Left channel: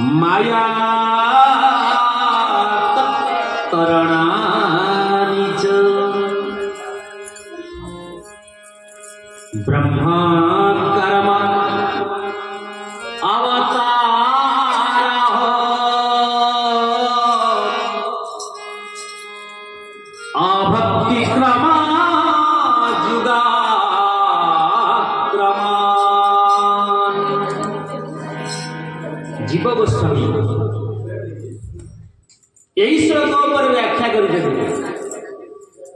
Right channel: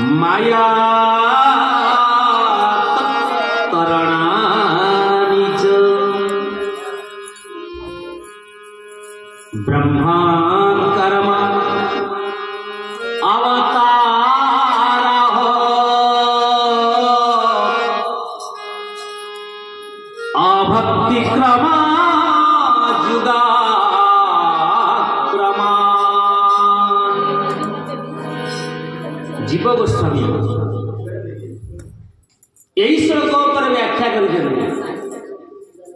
माया तरणानि च ब्रह्मा कर्म अवतारः अभक्ति क्रमा जुगा जीव गोस्वामी यही श्लोक पर व्याख्या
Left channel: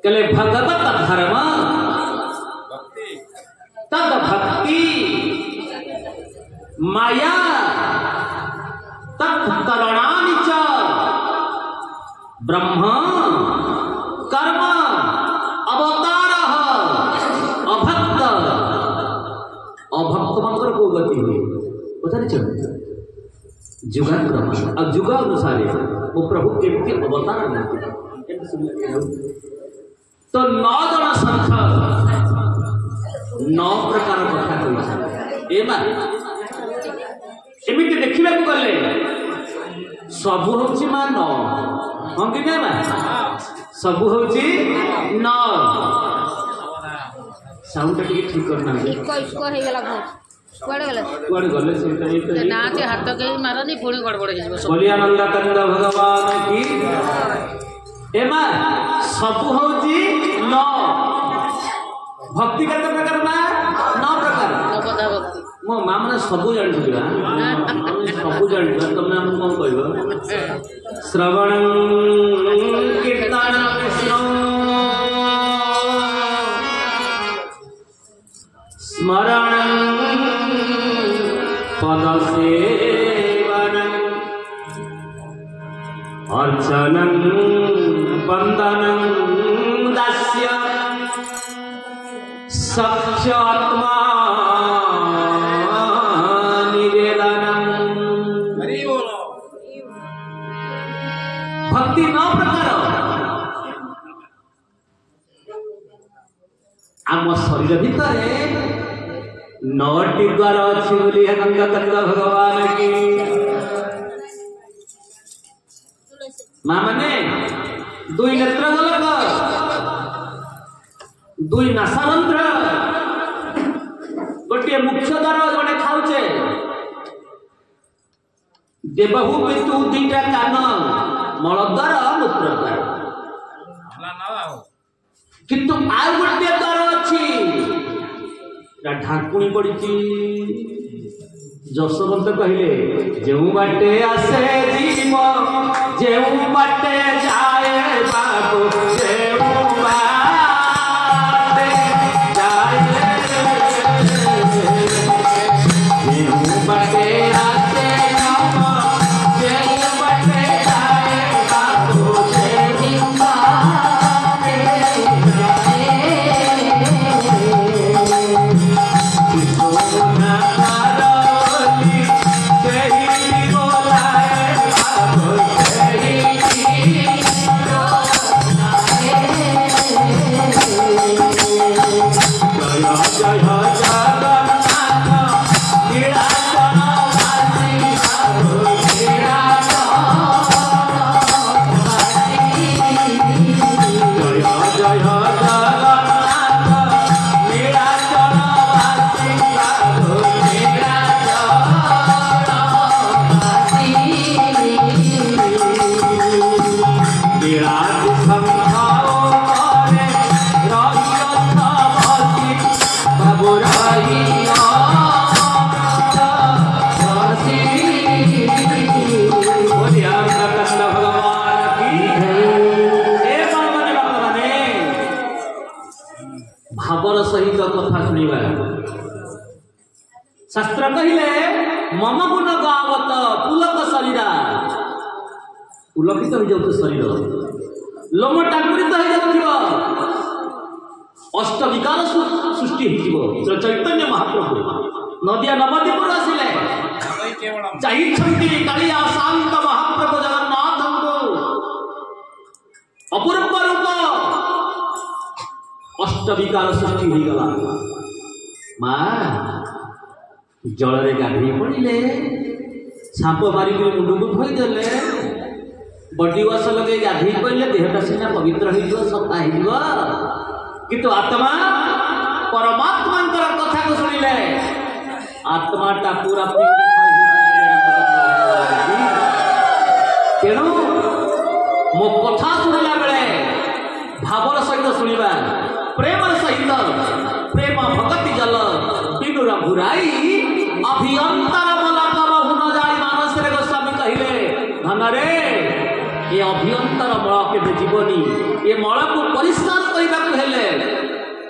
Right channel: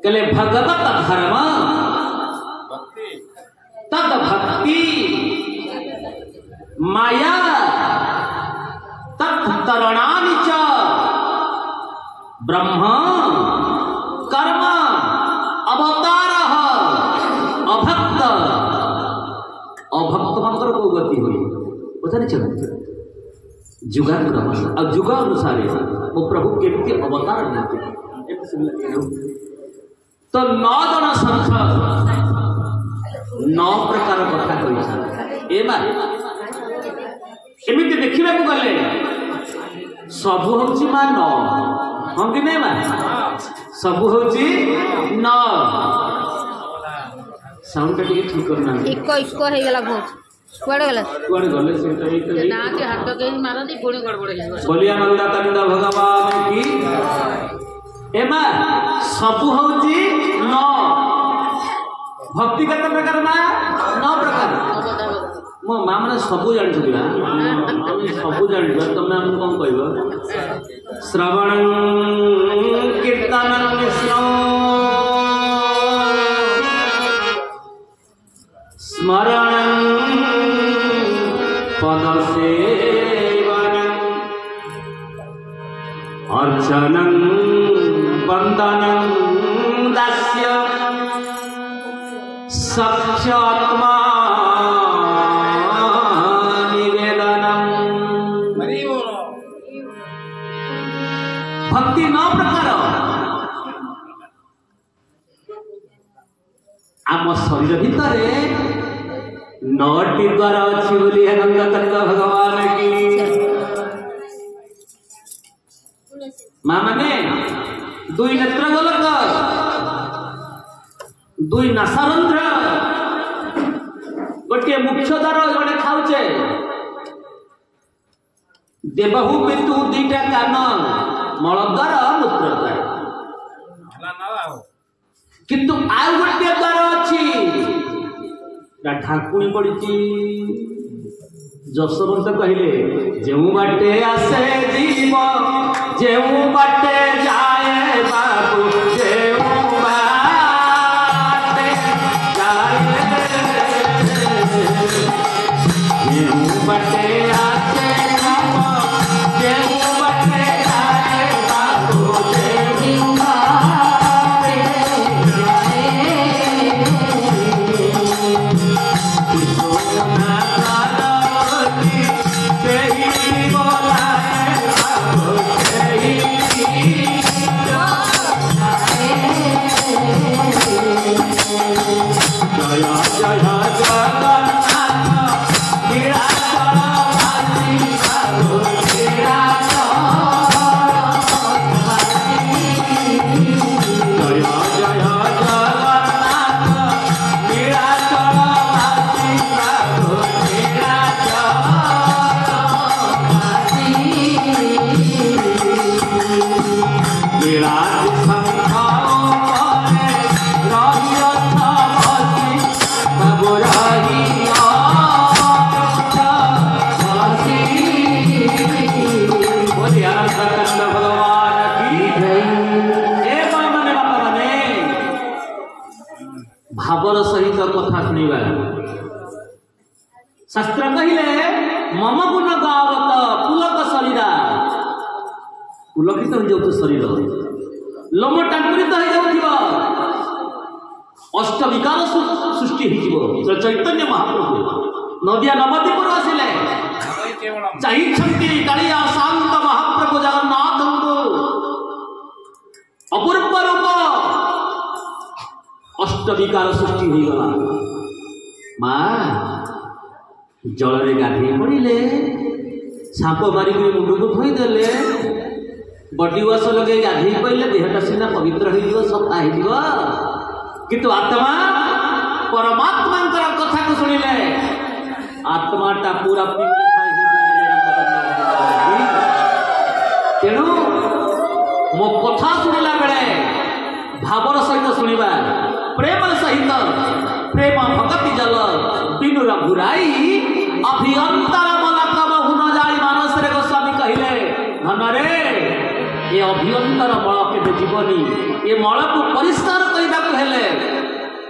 कले भगवत धर्म तद भक्ति माया तत्तरणानि च ब्रह्म कर्म अवतारः अभक्त अभक्त मात्र को गति हुई पता नहीं चलता जुगानुसार अब जुगानुसार वो प्रभु केमती अवतार लेते तो 9 जन संख 9 प्रकार कथा कही एमती देखा गले सबू हूँ माँ 9 हम कि नहीं माँ सबू हूँ 9 साउंड ठीक करना कुआडे गले ना के हाथ के मारदी पुणी गड़बड़ हे बोलिया नंदा कंदा भगवान की एमा सब होची 9 भक्ति कते प्रकार बा 9 प्रकार मो मां माने सब जानि छथि सब जानि तमे हम कोन कहबो श्रवणं कीर्तनं विष्णु स्मरणं पदसेवनम् अर्चनं वन्दनं दास्य सख्यात्मा निवेदनम् भक्ति 9 प्रकार आम शरीर भितरे 9टी द्वार अच्छी बोली भगवान की माँ मैंने 2 नेत्र गोलक 2 नासारंध्र गोटे मुख्य द्वार जड़े खाऊचे देवहू बिंदु 2टा कान मलद्वार मूत्रद्वार किंतु आउ गोटे द्वार अच्छी ढाकुणी पड़ी जशवंत कहले जो बाटे आसे जीव जो बाटे जाए बाबू जो बाटे जाए जो बाटे आसे जो बाटे जाए बाबू जो बाटे भावर सहित कथा शुणा शास्त्र कहले मम गुण गावत पुलक शरीरा पुलकित हो जाऊ शरीर लोम टाकुरित हो जाऊ अष्ट विकार सृष्टि हो चैतन्य महाप्रभु नदिया नवद्वीपुर आसिले चाहिए कालिया शांत महाप्रभु जगन्नाथ अपूर्व रूप अष्ट विकार सृष्टि हो गला माँ जल रे गाधे पड़े छाप मारिक मुंड को धोईदेले बडी वाश लगे गाधे पड़े देहटा सीना पवित्र हो सफा हो किंतु आत्मा परमात्मा कथा को शुणिले आत्माटा पूरा तेणु मो कथा शुणिला बेले भावर सहित शुणा प्रेम सहित प्रेम भगति जल बिनुर बुराई अभियंता हुन जाई मानस रे गोस्वामी कहले धन रे ये अभियंतर मल के जीवनी ये मल को परिष्कार करने हेले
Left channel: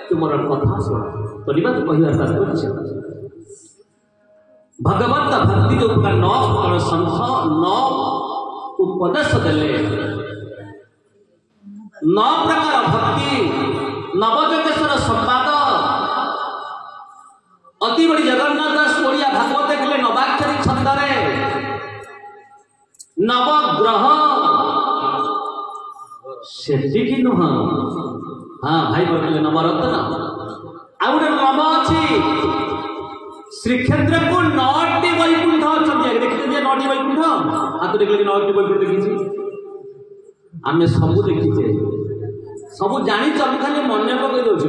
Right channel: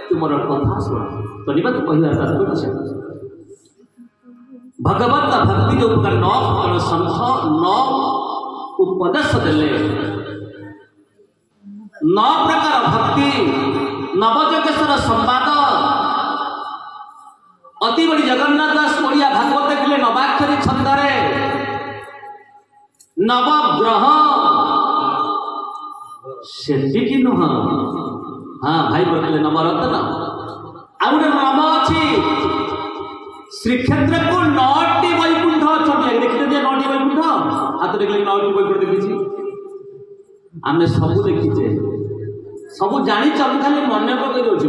तुमर कथा शुण सुनिबा तो कहला तात्पर्य भगवत भक्ति जो नौ संस नौ उपदेश देले नौ प्रकार भक्ति नवजोगेश्वर संवाद अति बड़ी जगन्नाथ दास ओडिया भागवत देखले नवाक्षरी छंदरे नवग्रह सेटिकी नुह हाँ भाई बोले नवरत्न आ गोटे नव अच्छी श्रीक्षेत्र को 9टी वैकुंठ अच्छा देखते 9टी वैकुंठ हाथ देखिए 9टी वैकुंठ देखी आम सब देखीचे सब जानी खाली मन पकई दौर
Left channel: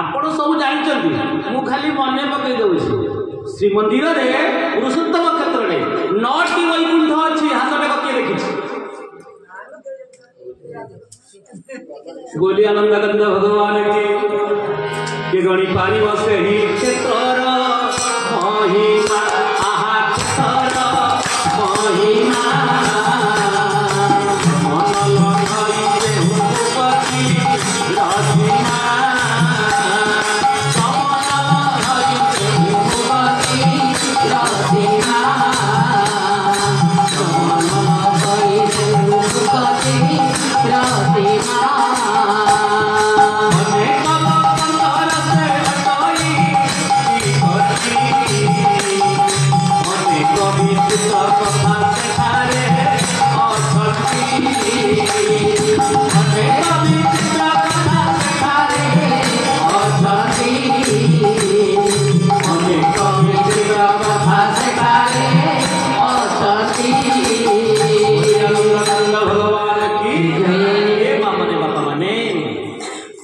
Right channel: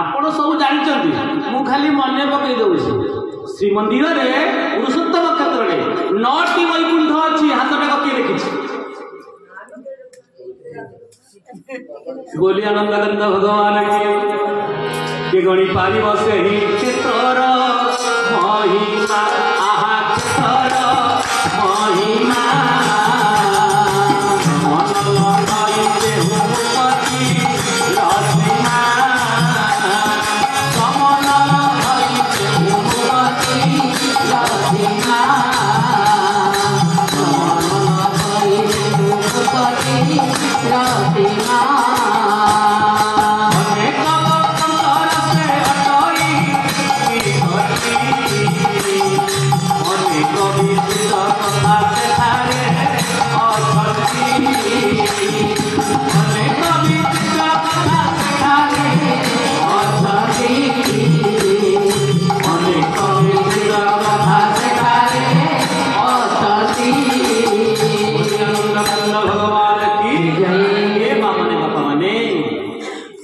आपण सब जानते मु खाली मन पकई दौर श्रीमंदिर पुरुषोत्तम क्षेत्र में 9टी वैकुंठ अच्छी हाथ किए देखी बोली आनंदानंद भगवान के गणी पार से ही क्षेत्र महिमा आहा क्षेत्र महिमा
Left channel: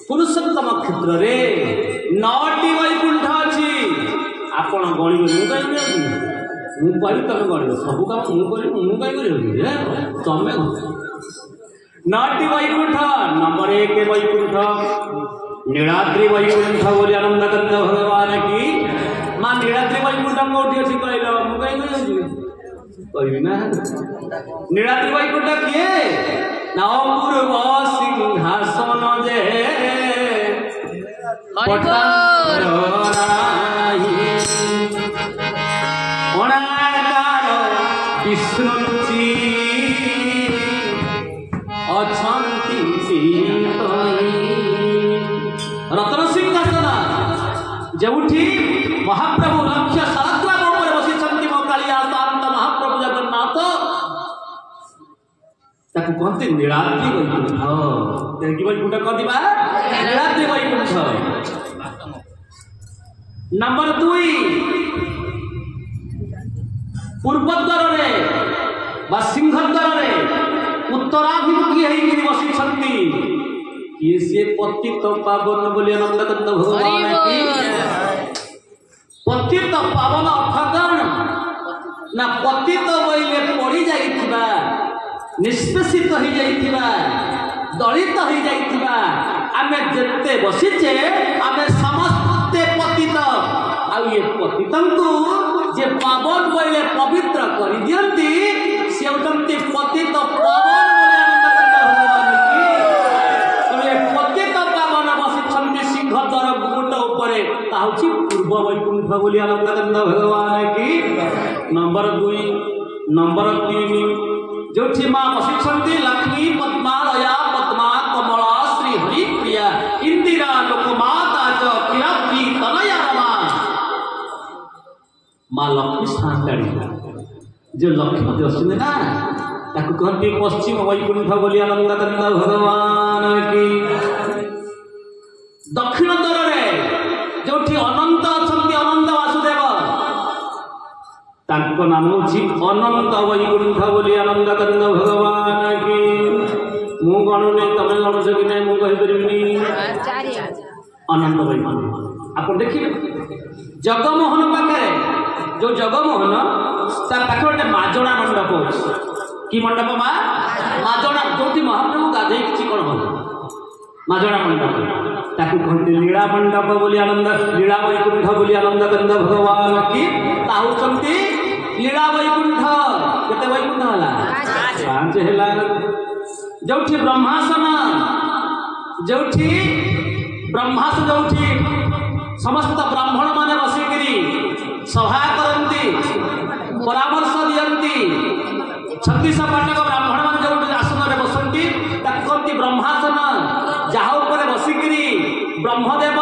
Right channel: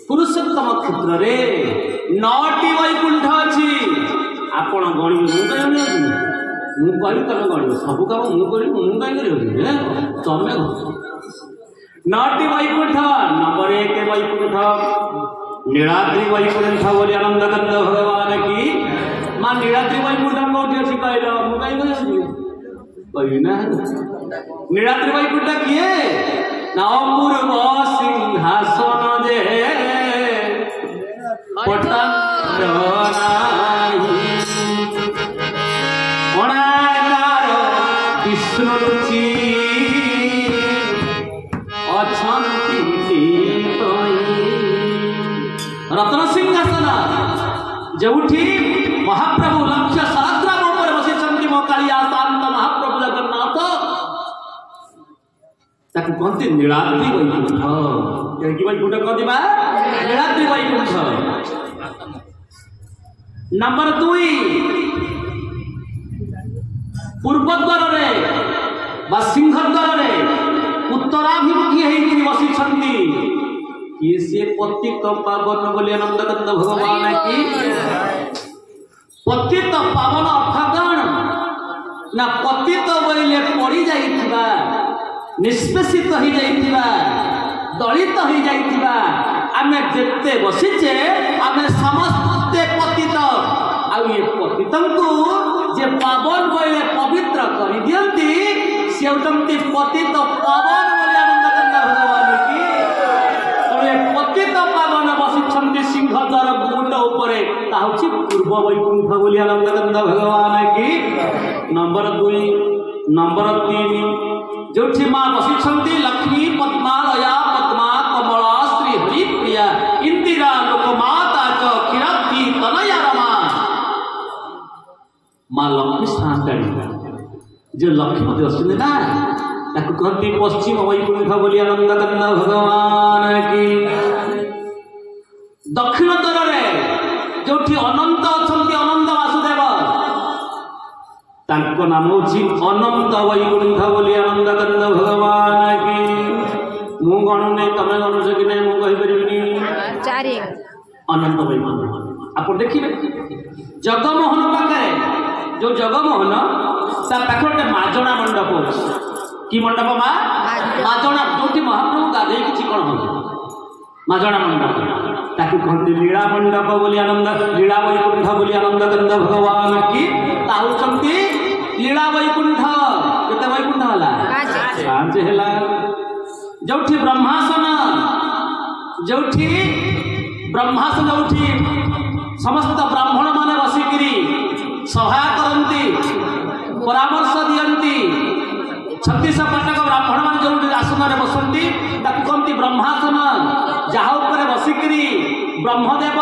पुरुषोत्तम क्षेत्र रे 9टी वैकुंठ अच्छी आपण गणित मु करी तुम गणित सब काम मु करी तमें 9टी वैकुंठ नंबर 1 वैकुंठ नीलाद्रि वैकुंठ बोली आनंदानंद भगवान की माँ नीलाद्रि वैकुंठ कौटी अच्छी कहल मुझे कही ना नीलाद्रि वैकुंठ किए ना पूर्व सिंहासन जे विष्णु रत्न सिंहासन जोठी महाप्रभु लक्ष्य सहस्रार बसी मो कालिया शांत महाप्रभु जगन्नाथ ताकू कहते नीलाद्रि वैकुंठ कि वैकुंठ कहते नीलाद्रि वैकुंठ नंबर 2 पूर्वद्वार रे बा सिंहद्वार रे उत्तराभिमुखी होई बसी छंती ये से पतित पावन बोली आनंदानंद भगवान की पतित पावन अर्थगण ना पतित बोले पड़ी जाइथिबा निष्पेषित हो जाइथिबा दलित हो जाइथिबा आमे जेते बसिचे आमे समस्ते पतित आ ये पतितंकु जे पावन बोले पवित्र कर दियंती से उतमती पतित पावन बोले आनंदानंद भगवान की तो ये पतित पावन बसिछंती सिंहद्वार गुट ऊपर ताहछि पूर्व वैकुंठ बोली आनंदानंद भगवान की नंबर 2 नंबर 3 जोठी मां बसिछंती लक्ष्मी पद्मा दया पद्मा कमला श्री हरि प्रिया इंदिरा लोकमाता च किराती तनया रमा मां लक्ष्मी स्थान जो लक्ष्मी अश्विनी ना ताकू कहती पश्चिम वैकुंठ बोली आनंदानंद भगवान की दक्षिण द्वार रे जोठी अनंत अछंती अनंत वासुदेव ता ताको नाम होची अनंत वैकुंठ बोली आनंद कंद भगवान की मु गणने तमे गणस कि नै मु कहि परिबिनी चारि अनंत वैकुंठ आप देखिए जगमोहन पाखे जो जगमोहन ता पाखे गोटे माजणा मंडप होची कि मंडप मा माजणा जोटी महाप्रभु गाधे कि चिकन हो माजणा मंडप ताकू कहते लीला मंडप बोली आनंद लीला वैकुंठ बोली आनंद कंद भगवान की ताहुचंती लीला वैकुंठ केते वैकुंठ हला पांच हला जोठी ब्रह्मासन जोठी ब्रह्मासन जोठी समस्त ब्राह्मण माने बसिकरी सभा करंती परामर्श दियंती 36 पाटक ब्राह्मण माने जोठी आसन रे बसंती ताकू कहती ब्रह्मासन जहा ऊपर बसिकरी ब्रह्मदेव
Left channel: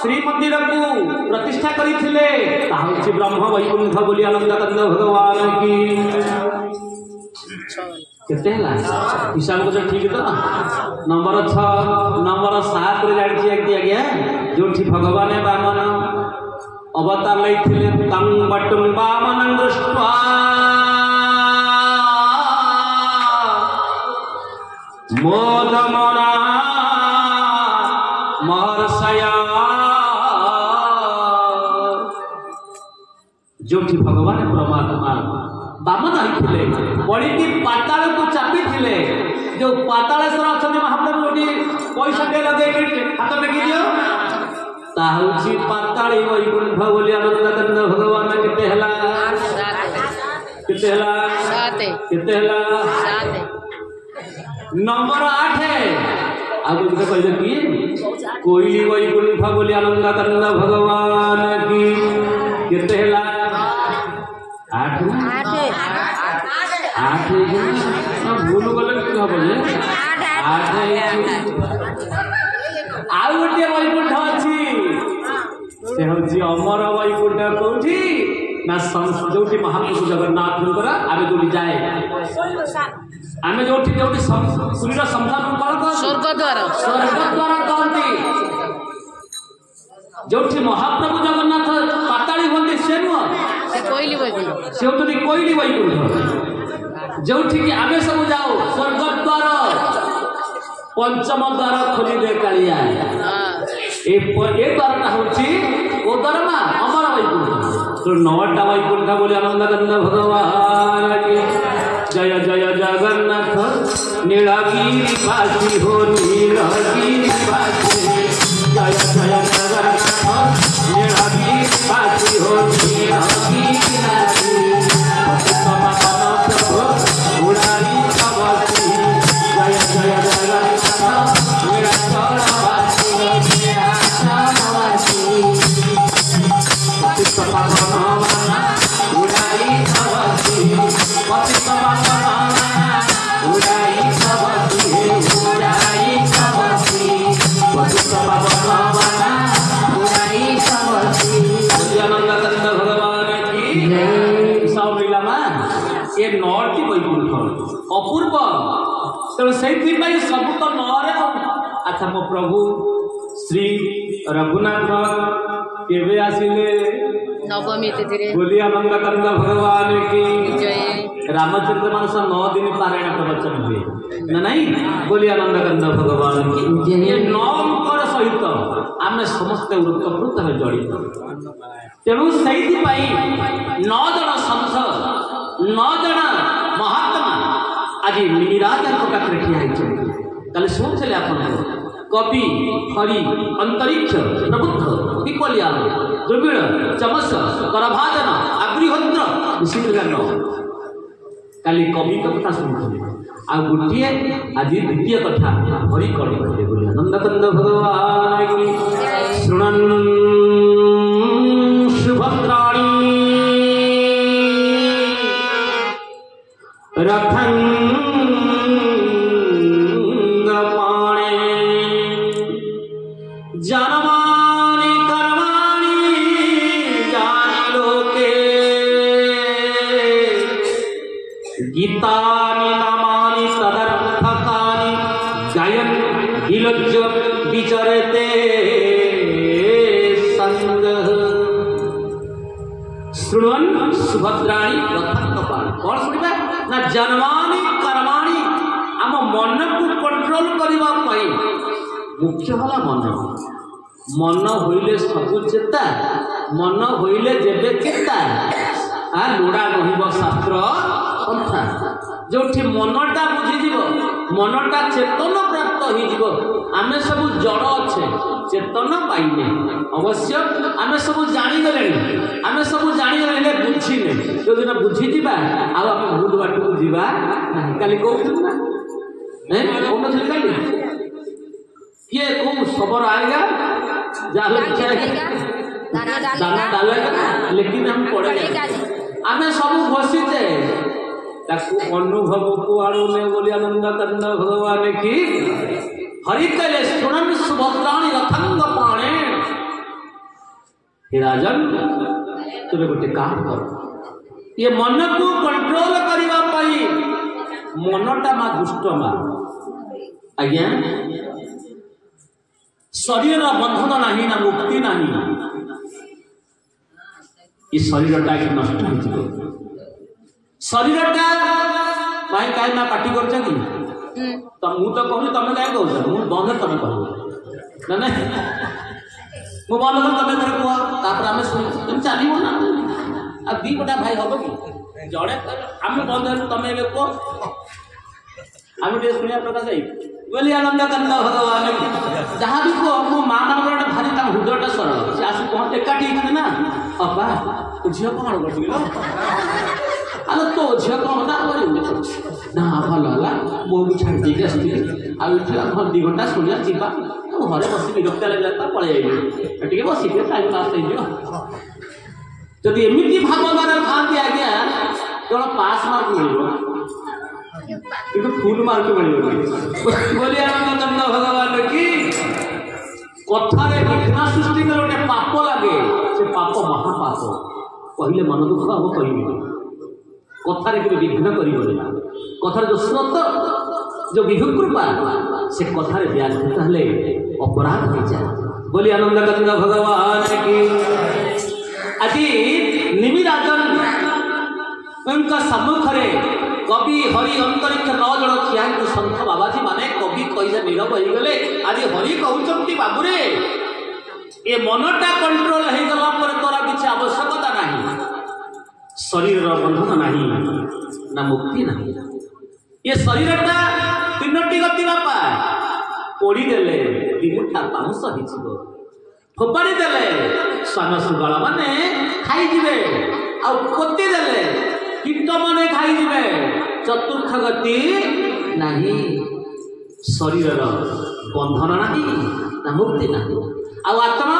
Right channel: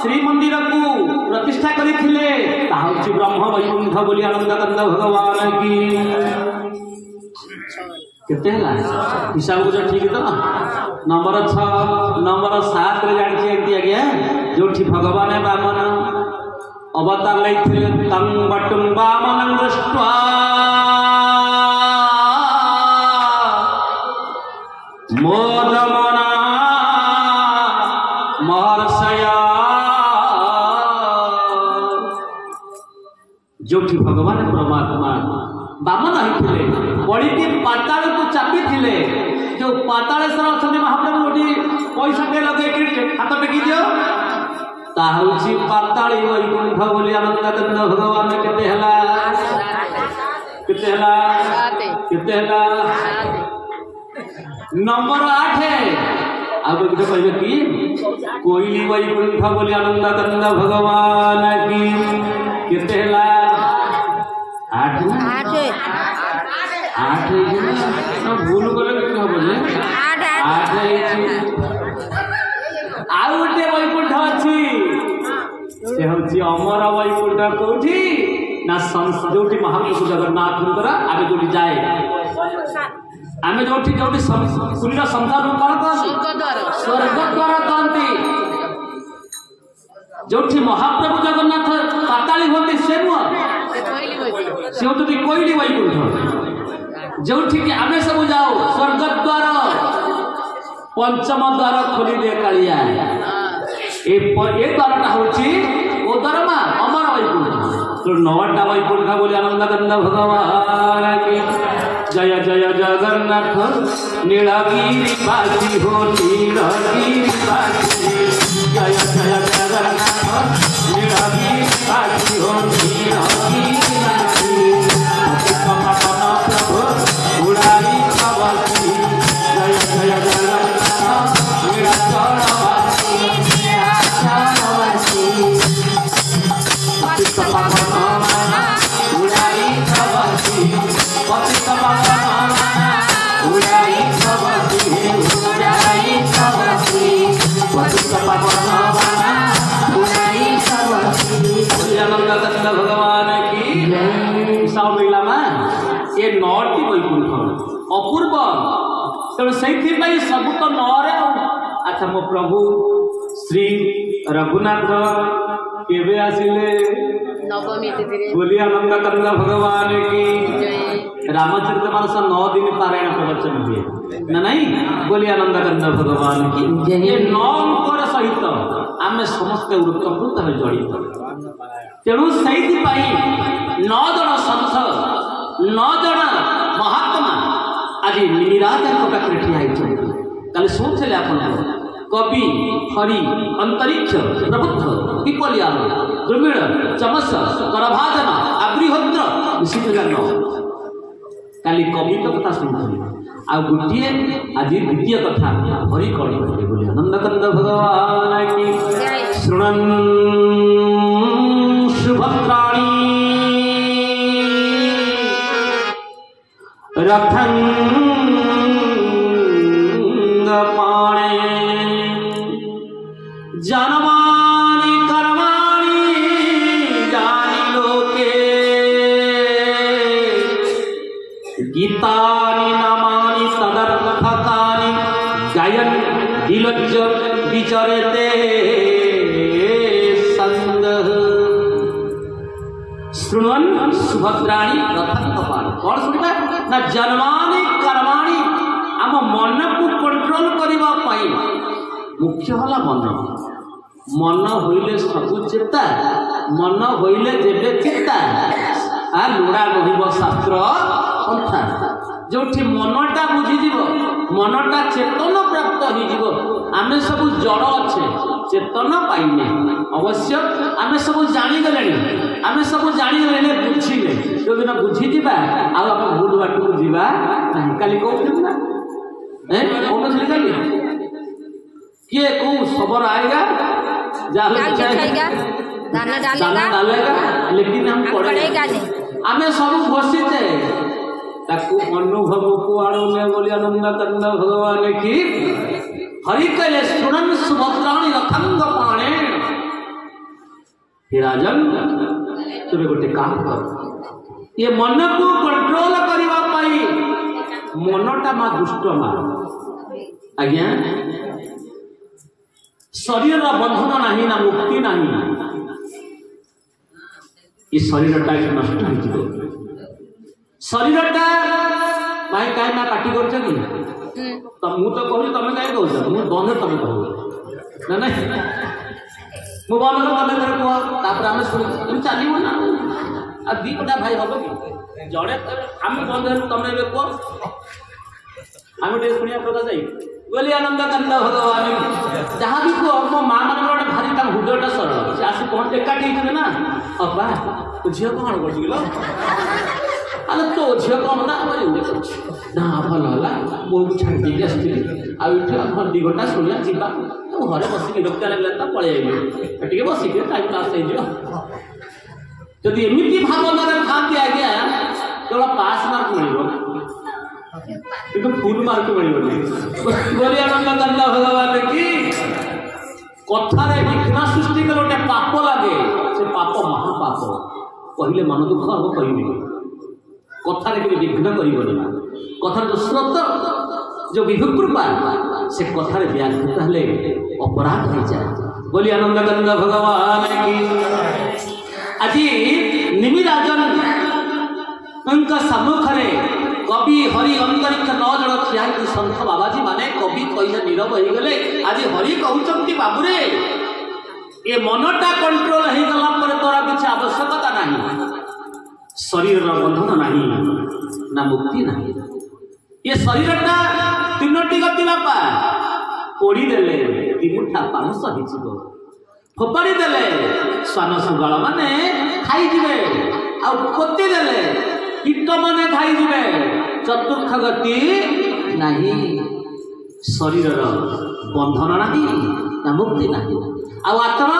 श्री मंदिर को प्रतिष्ठा करथिले ताहुची ब्रह्म वैकुंठ बोली आनंद कंद भगवान की केते हला हिसाब को ठीक तो नंबर 6 नंबर 7 रे जानि छी आज्ञा जोठी भगवान वामन अवतार लैथिले तं वटुं वामनं दृष्ट्वा मोदमना महर्षया जोठी भगवान परमात्मा वामन होइथिले बड़ी पाताल को चापी थिले जो पातालेश्वर अछंती महाप्रभु गोटी पैसा दे लगे हाथ टेकी दियो ताहुची पाताली वैकुंठ बोली आनंद कंद भगवान केते हला केते हला केते हला नंबर 8 अब किसे कहले कि कोई वैकुंठ बोली आनंद कंद भगवान की केते हला 8 ना भूल गले कि हो जे 8 आउ गोटे वैकुंठ अछि से होची अमर वैकुंठ कोठी ना जोठी महाप्रभु जगन्नाथ आमे जोठी जाए आमे जोठी जोठी सुनीर संसार कौन कर स्वर्ग द्वार कहती जोठी महाप्रभु जगन्नाथ पाताली होती से से होती कोइली वैकुंठ जोठी कि आमे सब जाओ स्वर्ग द्वार पंचम द्वार खोली दे कालिया ए द्वार ना होची ओ द्वार मा अमर वैकुंठ तो 9टा वैकुंठ बोली आनंद कंद भगवान की जय जय जगन्नाथ नीलगिरी वासी हो नीलगिरी वासी जय जय जगन्नाथ नीलगिरी वासी हो नीलगिरी वासी प्रभु उड़ाई कवसी जय जय जगन्नाथ नीलाचल वासी नीलाचल वासी उड़ाई कवसी भगवान की सब लीला ये 9टी वैकुंठ अपूर्व तेणु से सब तो 9 अच्छा मो प्रभु श्री रघुनाथ केवे आसिले नवमी तिथि बोली आनंद कंद भगवान की रामचरितमानस 9 दिन पारायण प्रवचन हुए ना नहीं बोली आनंद कंद भगवान की ये 9 अंकर सहित आम समस्त वृत्तवृत्त में जड़ित तेणु से 9 जन संत 9 जन महात्मा आज निराधार पाखे ठिया कल शुणुले आप कवि हरि अंतरिक्ष प्रबुद्ध विपलियाल दुर्मिल चमस करभाजन आगृहद्र ऋषिगान काली कवि कथा शुणुली आ गोटे आज द्वितीय कथा हरि कड़ी बोली आनंद कंद भगवान की शुणन् सुभद्राणी रथं जनमानि कर्माणि जानि लोके गीतानि नामानि तदर्थकानि गायन् विलज्ज विचरते संगः शृण्वन् सुभद्राणि ना जन्मानी कर्माणी आम मन को कंट्रोल करने मुख्य है मन मन होइले सबु चेता मन होइले जेबे चेता आ लुड़ा रहिब शास्त्र पंथा जो मनटा बुझीज मनटा चेतन प्राप्त हो आम सब जड़ अच्छे चेतन पाइने अवश्य आम सब जागले आम सब जागले बुझिले जो दिन बुझीज आम भूल बाट को जीवा काली कहूँ ना कौन किए कौ खबर आएगा दाना डालेगा लेकिन हम पड़ेगा आम सब घसीचे अनुभव को आने बोली आनंद कंद भगवान की हरि कैले सुनन सुभद्राणी रथंग पाणे हे राजन तुम गोटे काम कर ये मन को कंट्रोल करवा पाई मनटा मा दुष्ट मा आज्ञा शरीर बंधन नहीं ना मुक्ति नहीं ये शरीरटा नष्ट हो शरीरटा भाई कहीं मैं पार्टी कर तो मु तो कहूँ तुम कहीं कह मु बंद तुम कह ना मु बंद तुम घर कह आम शुणी चलो ना आ दी गोटा भाई हम कि जड़े आम बंद तुम कह आम शुणा प्रकाश जाई बोली आनंद कंद भगवान जहाँ भी कह मो माँ मान गोटे भारी हृदयटा सरल से आस कौन एकाठी होते ना अबा तो झील कौन कर अरे तो झील कौन ना ना भल है बहुत छाड़ी आठ 2 घंटा शुणा जीवा घरे बस विरक्त लगे तो पलि बसिक टाइम पास होती एमती भाग था आज्ञा केवल पास मार्क मिल कि फुल मार्क मिल बोली आनंद कंद भगवान की कथार विघ्न सृष्टि कले गोटे पाप लगे से पाप महापाप कहले मन दुख हम कह कथार विघ्न कर कथार जो श्रद्धा जो विभु कृपा से कथार व्याघ्रता हेले अपराध हो जाए बोली आनंद कंद भगवान की आज निमिराजन सम्मुख कवि हरि अंतरिक्ष 9 जन ठिया सन्थ बाबाजी माने कवि कही नीरव हो गले आज हरि कहते बाबूरे ये मनटा कंट्रोल हो गला पर तोरा किसी आवश्यकता नहीं शरीर बंधन नहीं ना मुक्ति नहीं ये शरीरटा 3टी गति बापा पोड़ीदेले 3 पाउंस हो फोपाड़ी देले स्वान सुगल माने खाईजे आती देले कीट मैंने खाईजे चतुर्थ गति नहीं शरीर बंधन नहीं ना मुक्ति नहीं आत्मा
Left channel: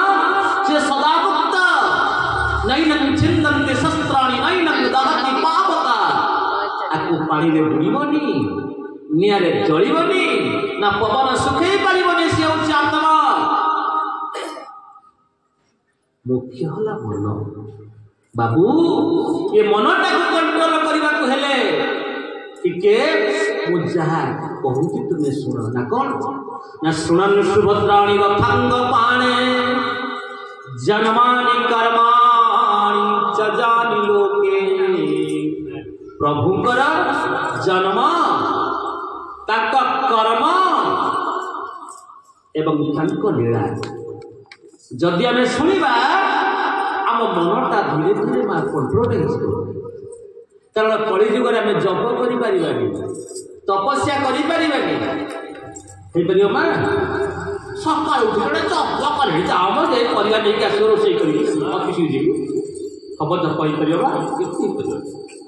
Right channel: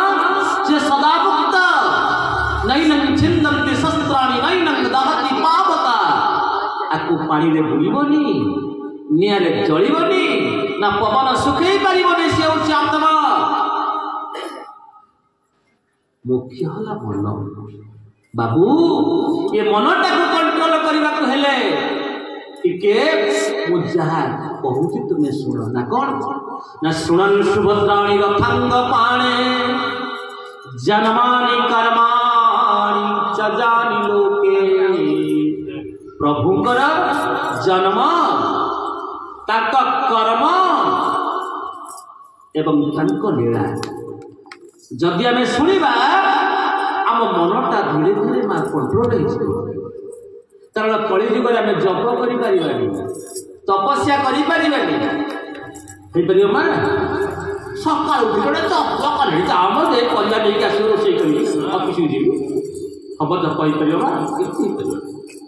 से सदा मुक्त नैनम छिंदन्ति शस्त्राणि नैनम दहति पावका आकु पानी रे बुड़ीबनी निया रे जळीबनी ना पवन सुखई पारिबनी से होछि आत्मा मुख्य होला मन बाबू ये मनटा को कंट्रोल करबा को हेले टिके मु जहा कहूची तुमे सुनो ना कौन ना सुनन सुभद्राणी रथंग पाणे जन्मानि कर्माणि च जानि लोके प्रभुकर जन्म ताक कर्म एवं तांक लीला जदि आम शुणा आम मनटा धीरे धीरे माँ कंट्रोल कारण कलिजुग आम जप कर तपस्या कर माँ सकाल उठी गोटे जप कर जाम जे परिवार नहीं आस रोसे कर अफिस जी हम जप हो माँ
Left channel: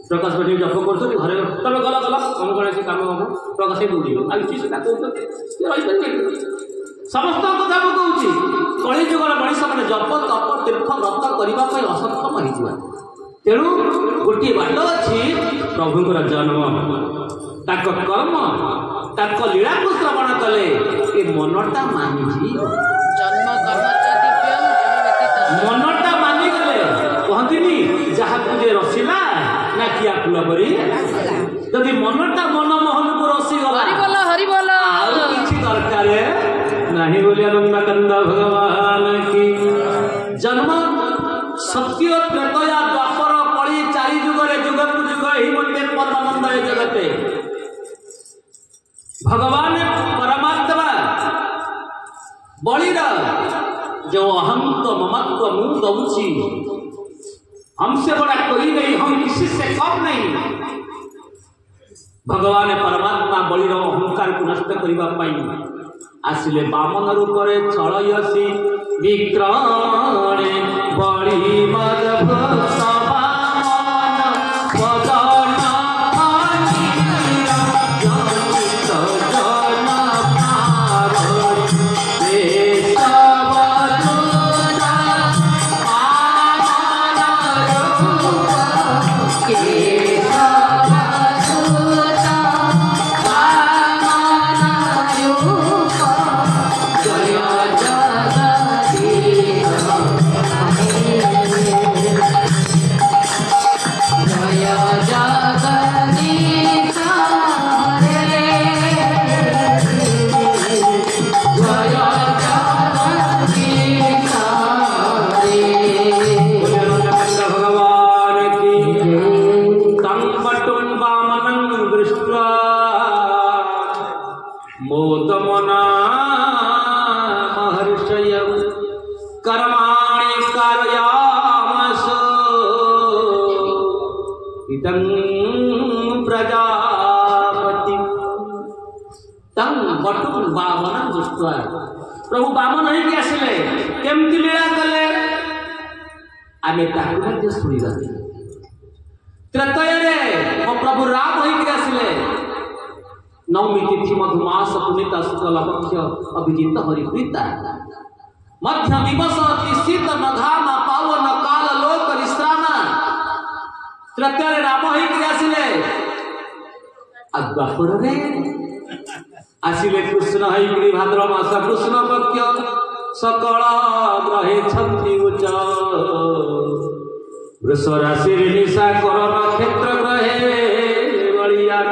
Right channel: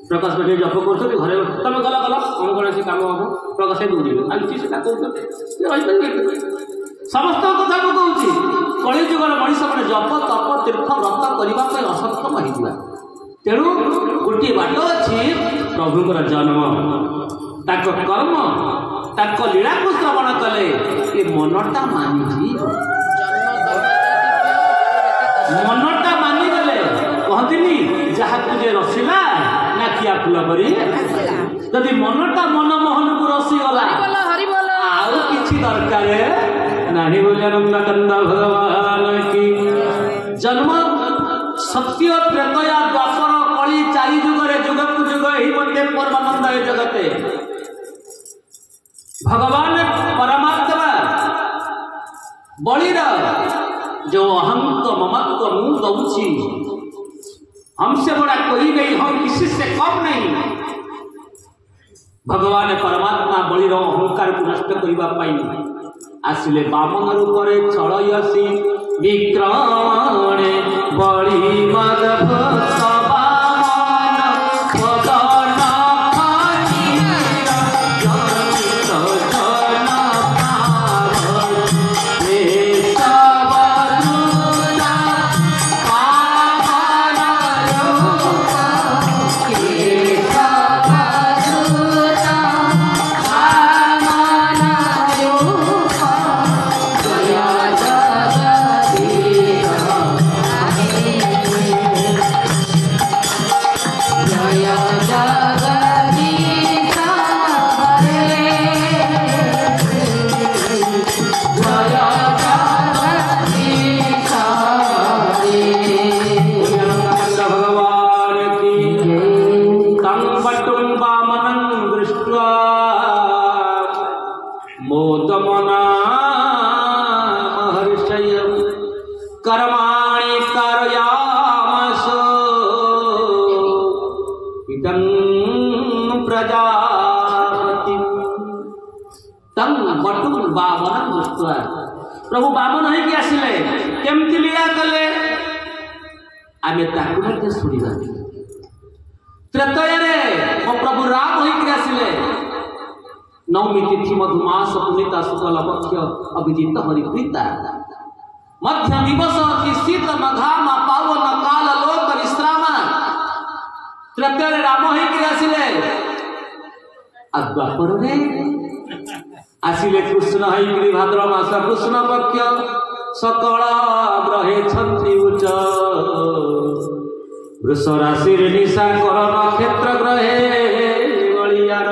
प्रकाश भाई जप कर घरे तुम गल गल कौन कौन कम हम प्रकाश दौड़े आलुची से कहते समस्त कथा मुझे कलिजुगर मनीष मैंने जप तप तीर्थ व्रत करने असक्षम होता तेणु गोटे बाट अच्छी प्रभुकर जन्म ताक कर्म ताक लीला को श्रवण कले ये मनटा मानिजी मनटा मानिगले कहती जहाँ तुझे रसिला ना किया फूल कर जदि मनटा मन मोहन को रसीगला आउ किसी दरकार नहीं बोली आनंद कंद भगवान की जन्म सत्य त्रेतया द्वापर कली 4 जुगर जुग को जुग ही मध्य परमानंद जो अहंत्व ममत्व मुंह दौची, हमसे बड़ा कोई नहीं, हम किसी से कम नहीं। भगवान परमात्मा बलिर अहंकार को नष्ट करने आसिले बामन रूप चलयसी विक्रमणे बड़ी प्रभु बामन होगी आसिले केमती लीला कले आमे ताकू शुणा। त्रेतये मो प्रभु राम होगी आसिले नवमी तिथि मधुमास पुनीता शुक्ल पक्ष अभिजित हरिप्रीता मध्य दिवस अति शीत नघाम पावन काल लोक विश्राम। त्रेतये राम होगी आसिले द्वापर आसिले कृष्ण हईकरी भाद्र मास कृष्ण पक्ष सकल ग्रहे छंती उच्च वृष राशि निशा कर नक्षत्र ग्रहे बलियार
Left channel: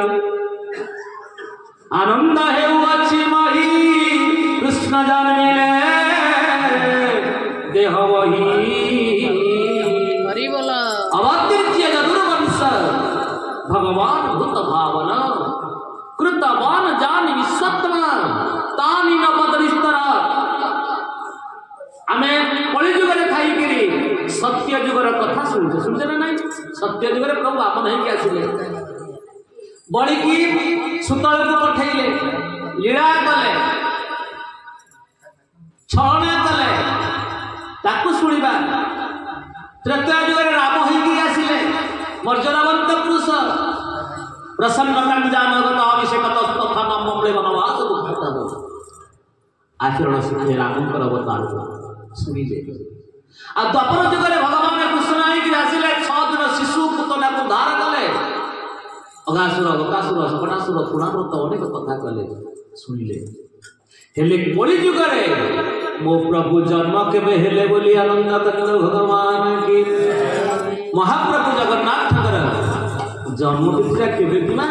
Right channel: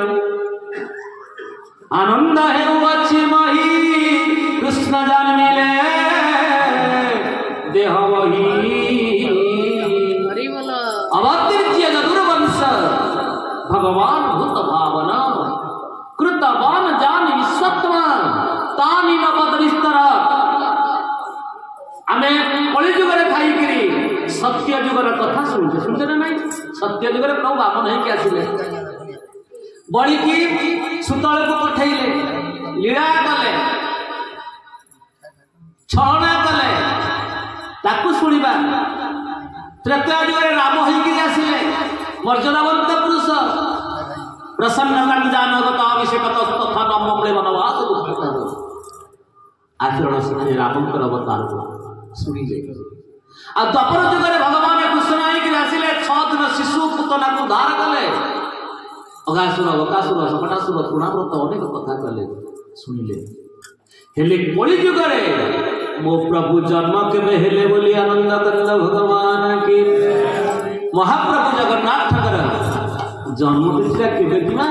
आनंद हेउछि मही कृष्ण जन्मिले देह वही अवतीर्य जदुर्वंश भगवान भूत भावना कृतवान जान विश्वत्मान तानी न बदलिस्तर आमे कलि जुगरे खाई करी सत्य जुगर कथा सुनते ना नहीं। सत्य जुगरे प्रभु बामन होइके आसिले बड़ी की सुतल को पठैले लीला कले छलना कले ताकू सुनिबा। त्रेतया जुगरे राम होइके आसिले मर्यादावंत पुरुष प्रसन्न आचरण शिखे रामंकर अवतार शुणिले। द्वापर जुगरे भगवान कृष्ण आसिले 6 दिन शिशु पुतना को धार कले अगासुर बकासुर सकटासुर तृणाव्रत अनेक कथा कले शुणिले। हेले कलि जुगरे मो प्रभु जन्म केबे हेले बोली आनंद कंद भगवान की महाप्रभु जगन्नाथ ठाकुर जन्म कृष्ण केबे दिमा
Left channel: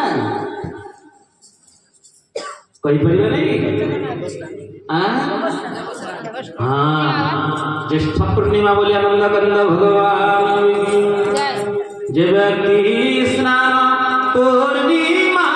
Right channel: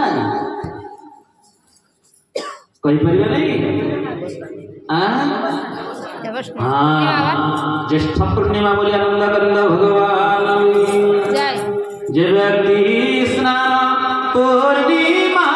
कही परिबा ज्येष्ठ पूर्णिमा बोली आनंद कंद भगवान जय व्यक्ति स्नान पूर्णिमा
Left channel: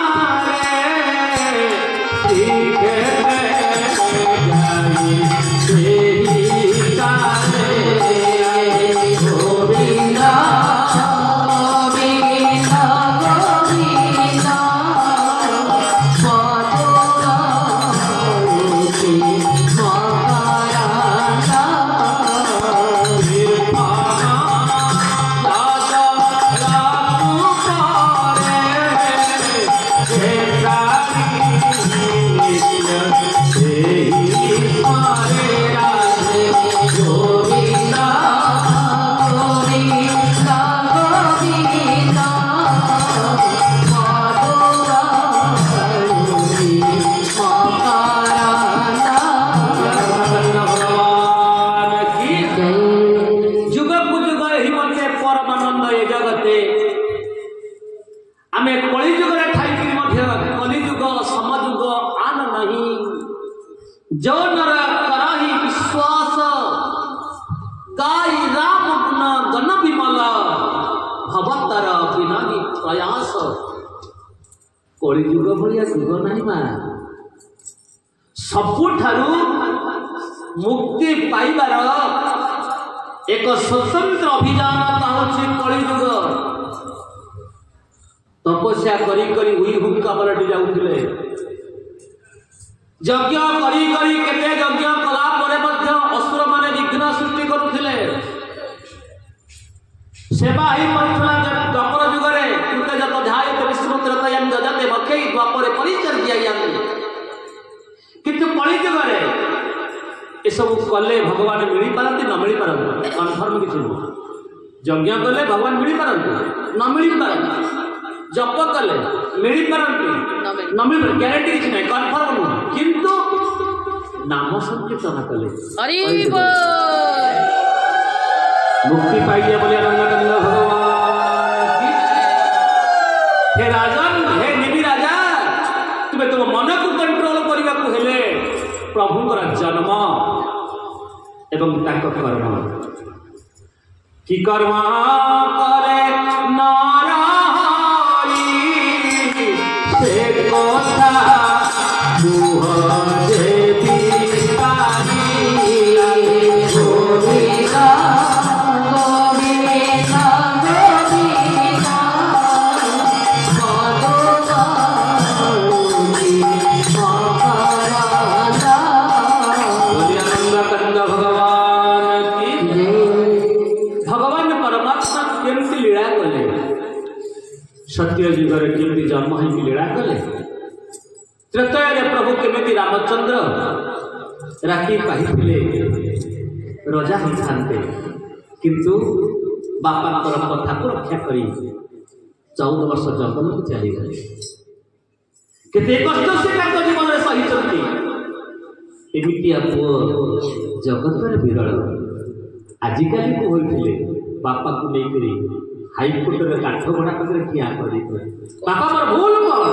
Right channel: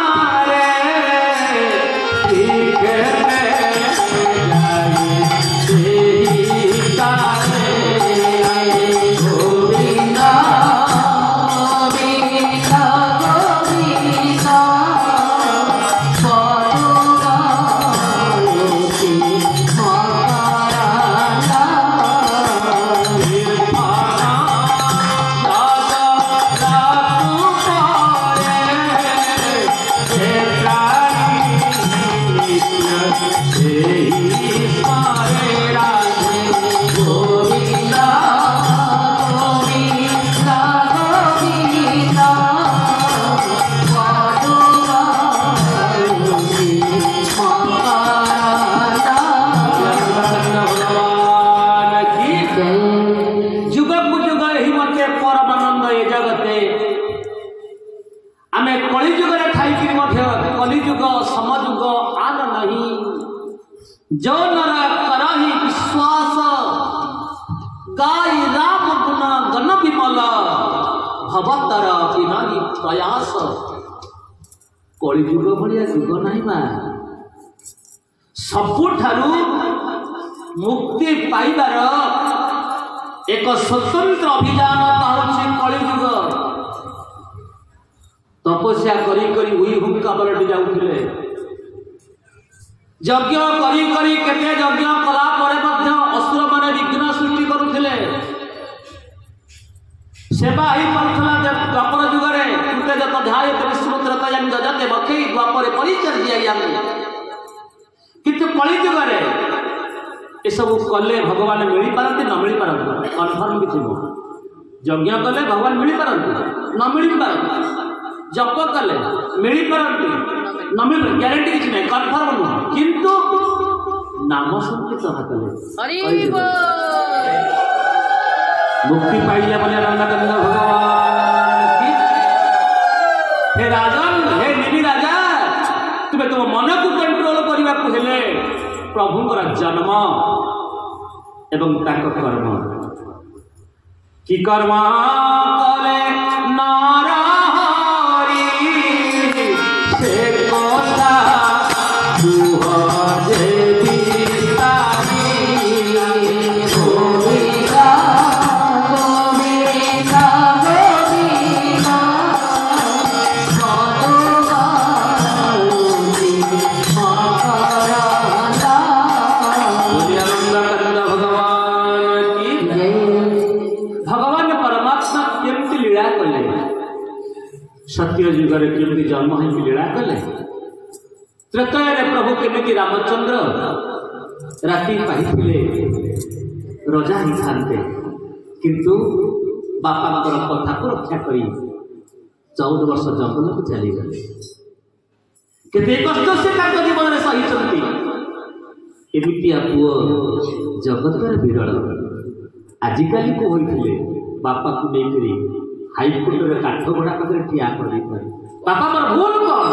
जो नर करहि विश्वास गाय राम गुण गण विमल भवतर विनाही प्रयास कलि युग भलिया युग नहीं मा सबुठारु मुक्ति पाइबार एक स्वतंत्र अभियान ताहूँ कलिजुग तपस्या करी करी हुई हुक्का पलटि जाउथिले यज्ञ करी करी केते यज्ञ कला परे मध्य असुर माने विघ्न सृष्टि करुथिले सेवा ही करुथला द्वापर जुगरे कृते जत ध्यायत विष्णु त्रतयं जजते बखै द्वापरे परिचर्यायाम किंतु कली जुगरे ये सब कले भगवान मिल पारती न मिल पारती कन्फर्म किसी नुह यज्ञ कले भगवान मिल पारती न मिल पारती जप कले मिल पारती न मिल ग्यारंटी किसी नहीं कन्फर्म नुह किंतु नाम संकीर्तन कले मुक्ति पाइले बोले आनंद भगवान हे राजन हे निधि राजा तुम्हें तुम मन को कंट्रोल करने को हेले प्रभुंकर जन्म एवं ताक कर्म कि कर्म करे नारायणी से कोना दुहजे बितानी गोविंदा गोविंदा गोविंदा सत्य युगर केमती जन्म ही लीला कले त्रेतय प्रभु केमती रामचंद्र राति पाइथिले रजा ही थांते किंतु बापांकर कथा को रक्षा करी 14 वर्ष जंगल को चली गले केते कष्ट से ताको जीवन में सही चलती एमितिया पुओ जगत रे विरल आजिकाली को होइथिले बापा को नहीं करी हाईकोर्ट रे काठ बड़ा पाखे ठिया कर बापा मोर भूल कौन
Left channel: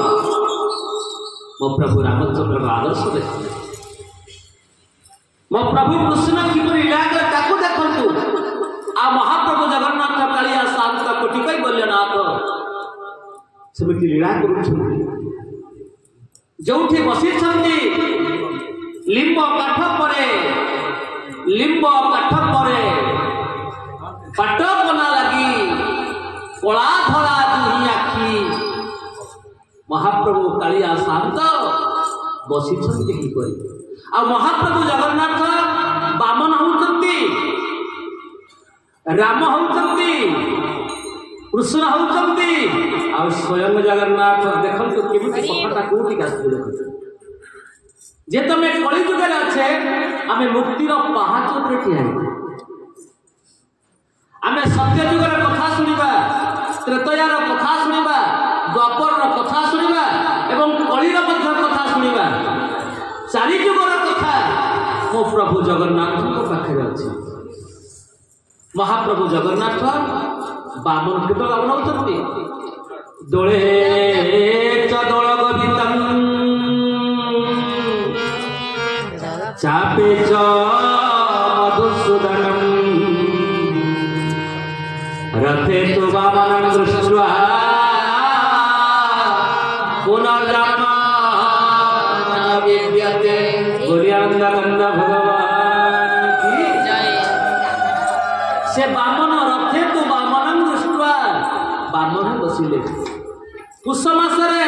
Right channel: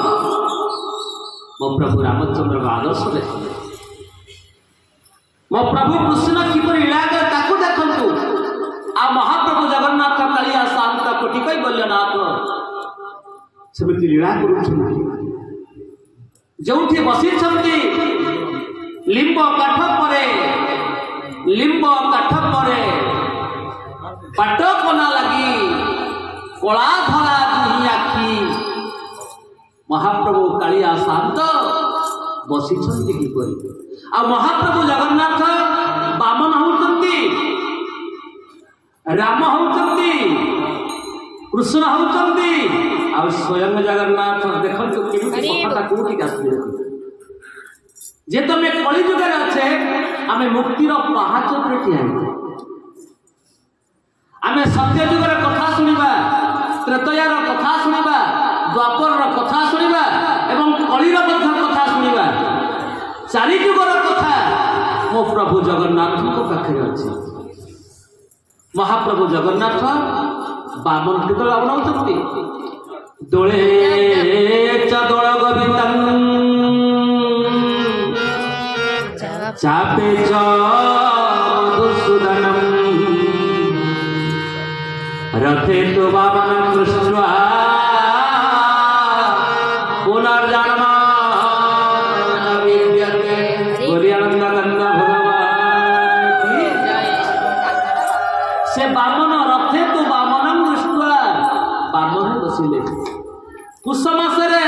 मो प्रभु रामचंद्र का आदर्श देखिए मो प्रभु कृष्ण किपरि लीला ताकू देखंतु आ महाप्रभु जगन्नाथ कालिया शांत कोटि कई बल्यनाथ समिति लीला करूछन जोठी बसी छंती लिंब काठ परे पाट कला लगी कला धरा दुही आखि महाप्रभु कालिया शांत बसी छंती किपरि आ महाप्रभु जगन्नाथ बामन होउछंती राम होउछंती कृष्ण होउछंती आ स्वयं जगन्नाथ देखंतु केमिति कथा कोठी आसी जे तमे कली जुगरे अछे आमे मुक्तिर पहाच पर ठिया आमे सत्य जुगर कथा सुनिबा त्रेतयार कथा सुनिबा द्वापर कथा सुनिबा एवं कलिर मध्य कथा सुनिबा चारि जुगर कथा मो प्रभु जगन्नाथ को पाखे अछि महाप्रभु जगन्नाथ बामन कितल बनाउछंती दोळे चदळ गोविंदम चापे च मधुसूदनम रथे तो वामनं दृष्ट्वा पुनर्जन्म न विद्यते बोलिए आनंद भगवान की जय से वामन रथे तो वामनं दृष्ट्वा वामन बसिले पुष मासरे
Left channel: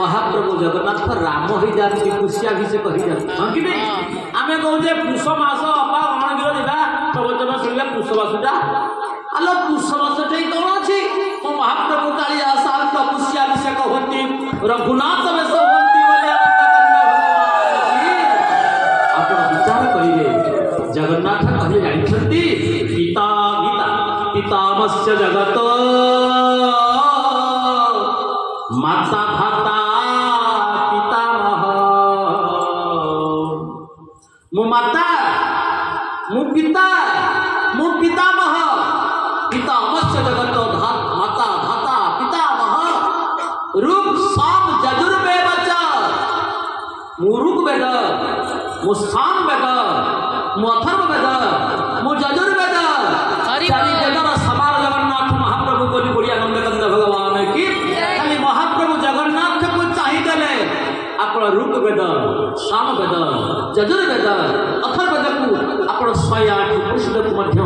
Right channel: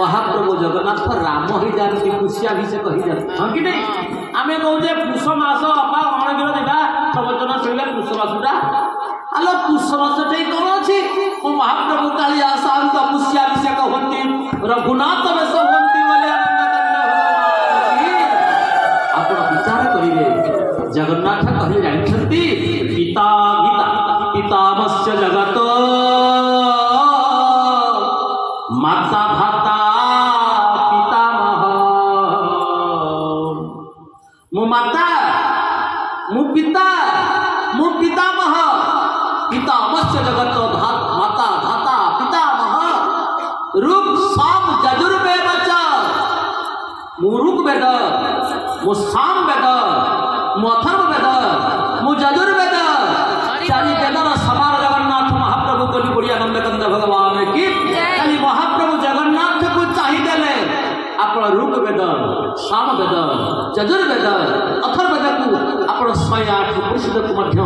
महाप्रभु जगन्नाथ राम हो जाती पुष्याभिषेक हो जाती हाँ कि नहीं आम कहे पुष मास बापा कौन किलो देवा प्रवचन शुणिले पुष मासटा आलो पुष मासटे कौन अच्छी वो महाप्रभु कालिया शांत पुष्याभिषेक होती रघुनाथ बेश होती आप विचार करेंगे जगन्नाथ कहले जानते पिता पितामस्य जगत माता भाता पितामह मो माता मो पिता मो पितामह पितामस्य जगत माता भाता पितामह ऋग साम यजुर्वेद मो ऋग्वेद मो साम वेद मो अथर्ववेद मो यजुर्वेद चारि वेदर समार जगन्नाथ महाप्रभु को बड़ी आनंद कंद भगवान की महाप्रभु जगन्नाथ को चाहिए आप ऋग्वेद सामवेद यजुर्वेद अथर्वेद को आपण 108 पुरुषवेद मध्य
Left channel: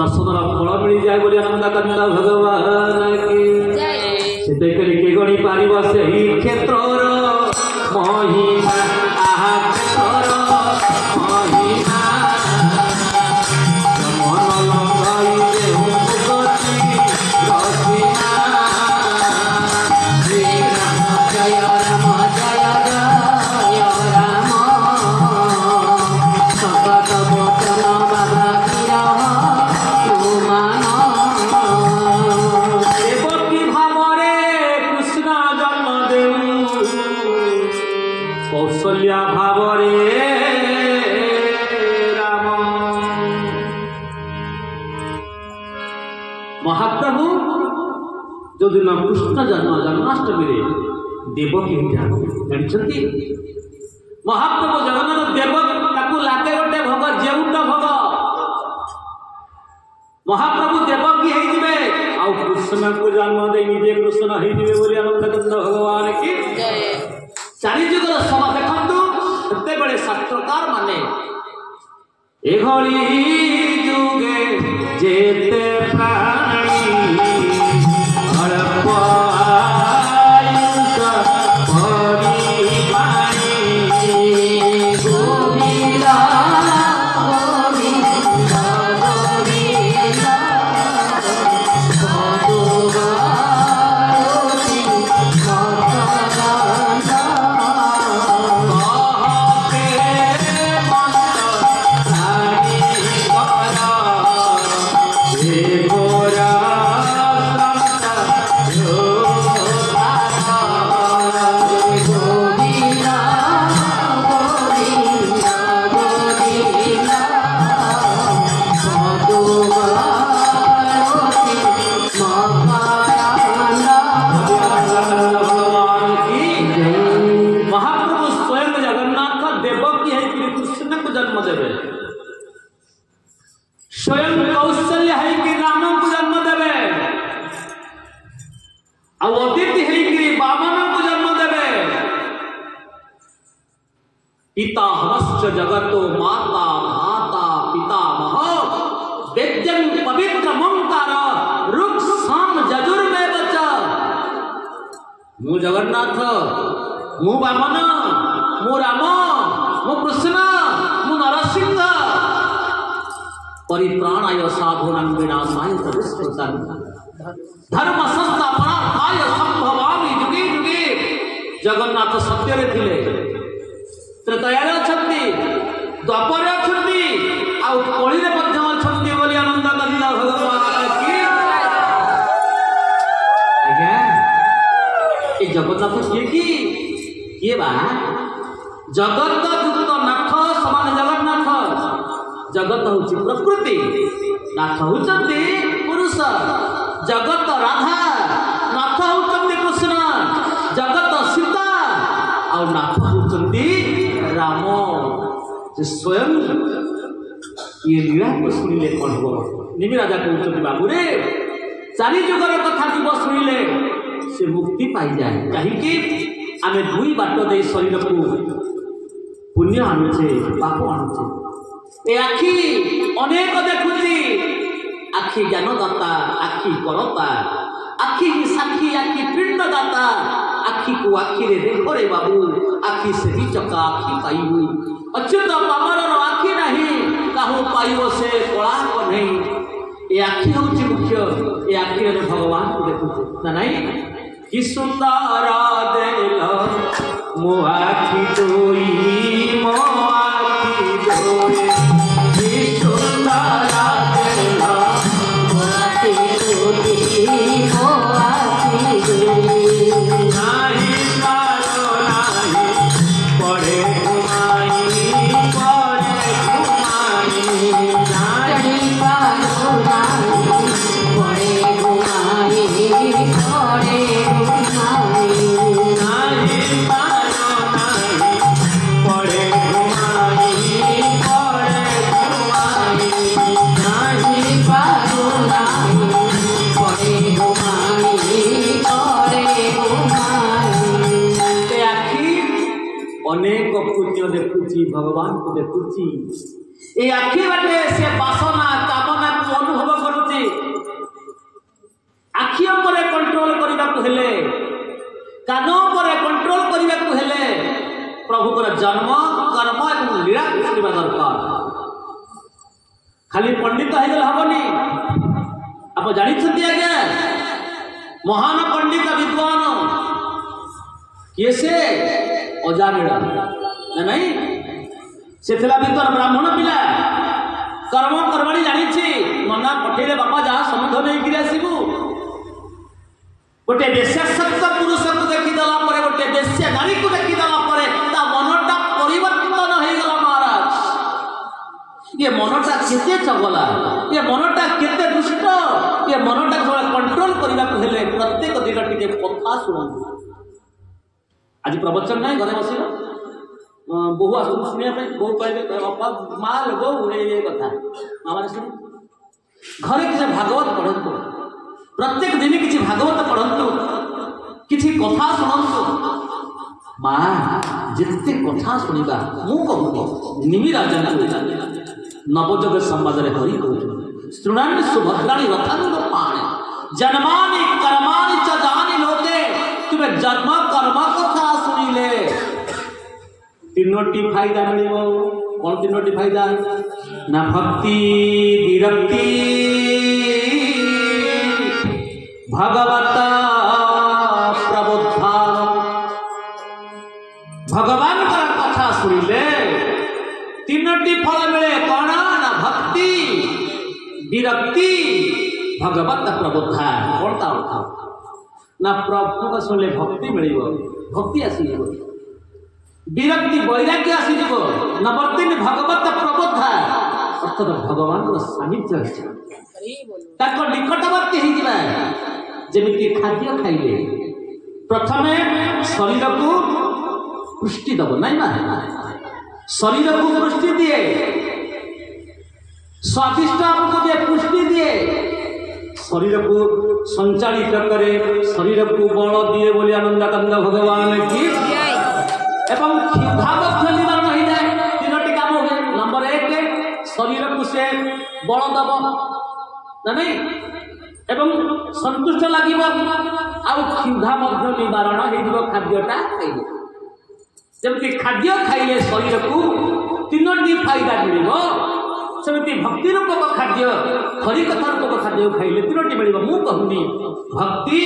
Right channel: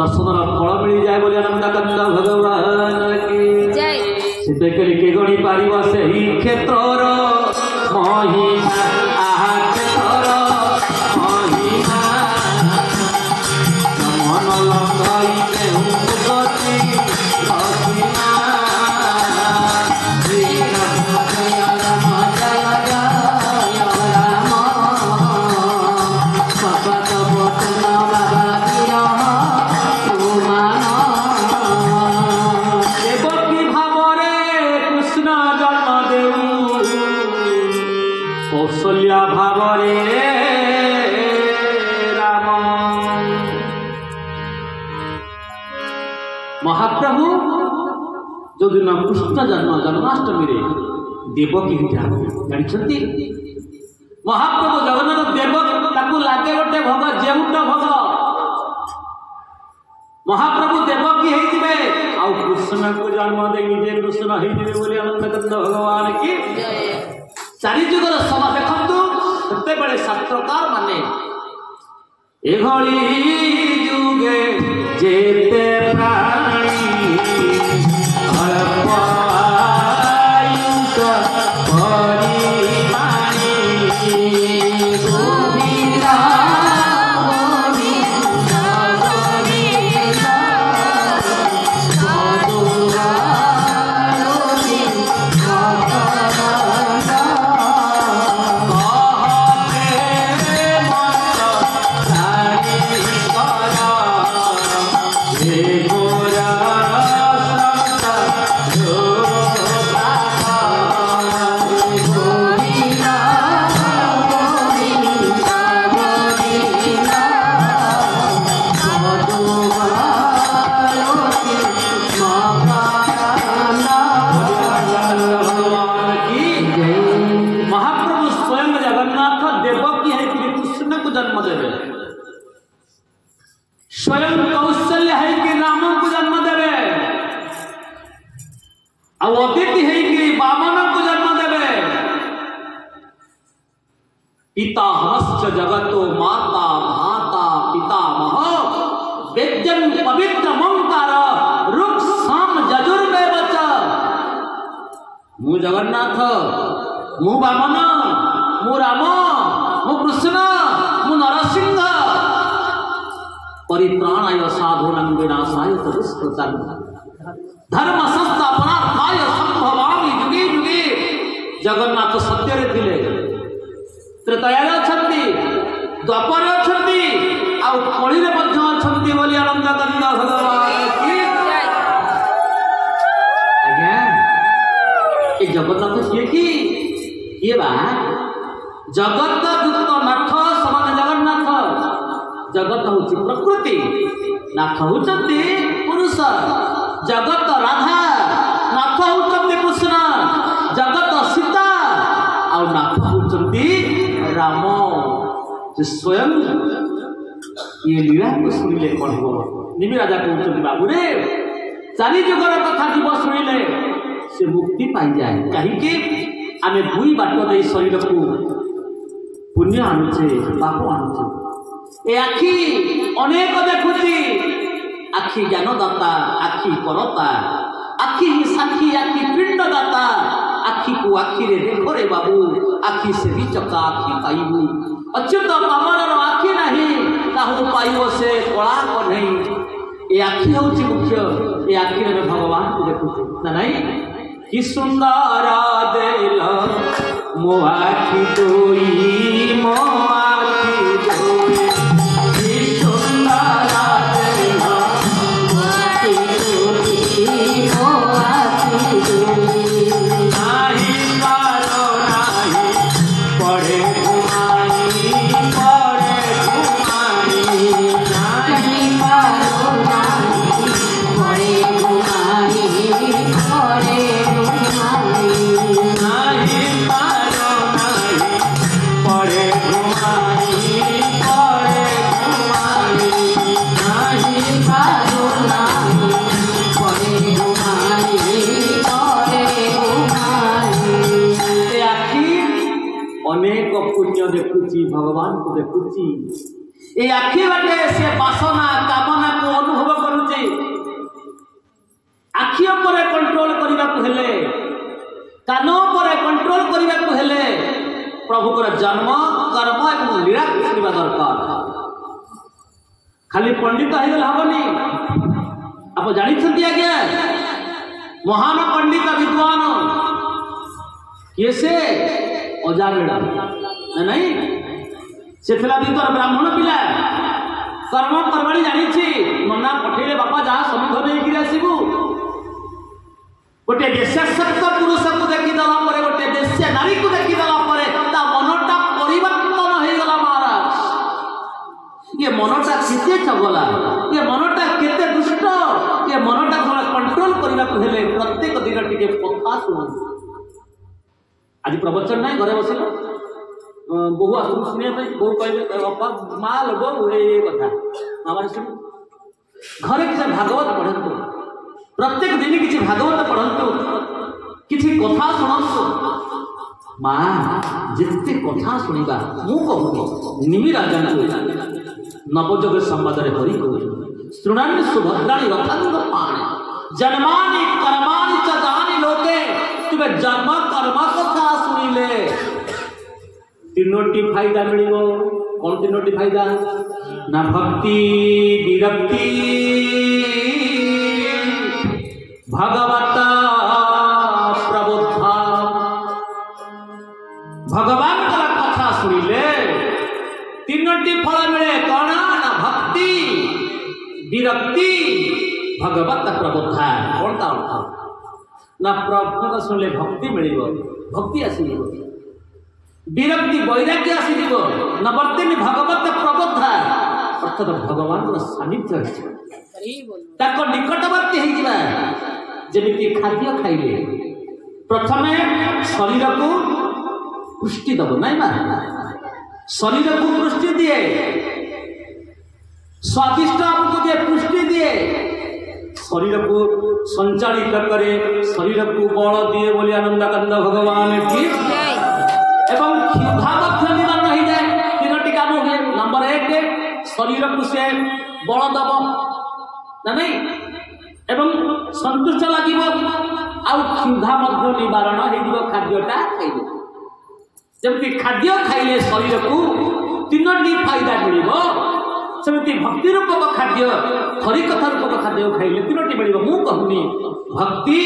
दर्शन फल मिल जाए बोली नंदकंद भगवान की से देखले के गणी पारिबा से ही क्षेत्रर महिमा आहा क्षेत्रर महिमा मन लंगाइते गति रसिना जय राम जय राम सपत वचन बादिया देवकी भावरे कृष्ण जन्म देऊ कौशल्या भावरे राम महाप्रभु जो दिन कृष्ण जन्म जन्माष्टमी रे देवकी जानी महाप्रभु जगन्नाथ देव ताकू लागे गोटे भोग जेउट भोग महाप्रभु देवकी होइतिबे आ कृष्ण को जन्म दे निजे कृष्ण होइतिबे बोली आनंदकंद भगवान की चारि जुगर सभा देखंतु सेते बेले शास्त्रकार माने एघळी जुगे जेते प्राणी अल्प आयुष हरि वाणी गोविंदा स्वयं कौशल्य है कि राम को जन्म देवे अदिति है कि वामन को जन्म देवे पिता हंस जगतो माता भाता पितामह वेद्यं पवित्र ममतार रुक् साम यजुर्वेद च मु जगन्नाथ मु वामन मु राम मु कृष्ण मु नरसिंह परित्राणाय साधूनां विनाशाय च दुष्कृतां धर्म संस्थापनार्थाय संभवामि युगे युगे जगन्नाथ सत्यरे थिले त्रेतायारे अछंती द्वापरे अछंती आ कलिरे मध्य अछंती बोली आनंदकंद भगवान की आज्ञा ए जगन्नाथ किए बा जगत गुप्त नाथ समान जगन्नाथ जगत होची प्रकृति नाथ होचंती पुरुष जगत राधा नाथ होचंती कृष्ण जगत सीता और नाथ होचंती राम जे स्वयं ये लीला को सुनिले कौन हो निमि राजा कहउचंती बाबू रे चारि जुगर कथा जीव सुनिले से मुक्ति पाई जाए कहीं कि आमे दुई बाट दे शरीर को पुण्य आनुचे पाप आनुचे ए आखि अनेक देखुची आखि ज्ञानदाता आखि परता आखि साखी आखि पिंडदाता आखि को आखि रे देखो रे बाबू आखि से भी चका आखि पाइबू अच्युत कमल आखि नहीं काहू पाइबो से कला नहीं ए आखि होची मुख्य ए आखि रे भगवान को देखुची ना नहीं कि सुंदर देल मो आखि दोई मो आखि दोई भगवान को देखुची ए आखि बाटे से वासना कामना को अनुभव करूची आखि उपरे कंट्रोल करबा को हेले कान उपरे कंट्रोल करबा को हेले प्रभु को जन्म कर्म और लीला सुनिबा दरकार खाली पंडित हो हबनी आप जानी आज्ञा महान पंडित विद्वान किए से अजामिड़ा नहीं से भीतर ब्राह्मण पिला कर्म करवाणी जानी मना पठेले बापा जहाँ समुद्र नहीं आसबू गोटे देशासक्त पुरुष को देखीदेला गोटे देशिया नारी को देखीदेला मनटा परिवर्तन हो गला महाराज ये मनटा केते चगला ये मनटा केते दुष्ट ये मनटा जो कंट्रोल करने को हेले प्रत्येक दिन टिके कथा शुणु आज प्रवचन नहीं घरे बसिल बहु आस शुणा बहु कहे बापा माँ लोग ये कथा माँ शुण घरे किसी भागवत पढ़ु प्रत्येक दिन किसी भागवत पढ़ु किसी कथा शुणु माँ जिते कथा शुणा मु कहूँ निमि राजा नवजग संवाद हरि कहूँ शुणानी सुभद्राणी रथांग पाणी जन्मानि कर्माणि च दानि लोके तुमे जन्म कर्म कथा शुणिले तीनोटी फायदा मिलिबो कौन तीनोटी फायदा ना भक्ति विरक्ति भगवता प्रबोधा भगवान का कथा शुणिले तीनोटी फल मिले कौन ना भक्ति विरक्ति भगवत प्रबोधा कौन ता अर्थ ना प्रभु को सुनले भक्ति मिल भक्ति आसीज विरक्ति वैराग्य आसीज नवर्ती भगवत प्रबोधा अर्थात भगवान सानिध्य निकटवर्ती जमी खाद्य खाइले प्रथमे शरीर को पुष्टि दब नाई शरीर को पुष्टि दिए स्वादिष्ट हमको दिए पुष्टि दिए शरीर को संचालित करे शरीर को बल दिए बोली आनंदानंद भगवान की एवं क्षुधा निवारण हो जाए तीनोटी काम हुए नंबर 1 शरीर को से बल दब ना नहीं एवं संतुष्ट लगे आउ क्षुधा निवारण हो खाद्यटा खाइले जबकि खाद्य खाइले शरीर को तीनोटी फायदा मिल सेमती भक्ति रूपक खाद्य हरि कथा रूपक खाद्य खाइले तीनोटी मिल मु कहूनी भक्ति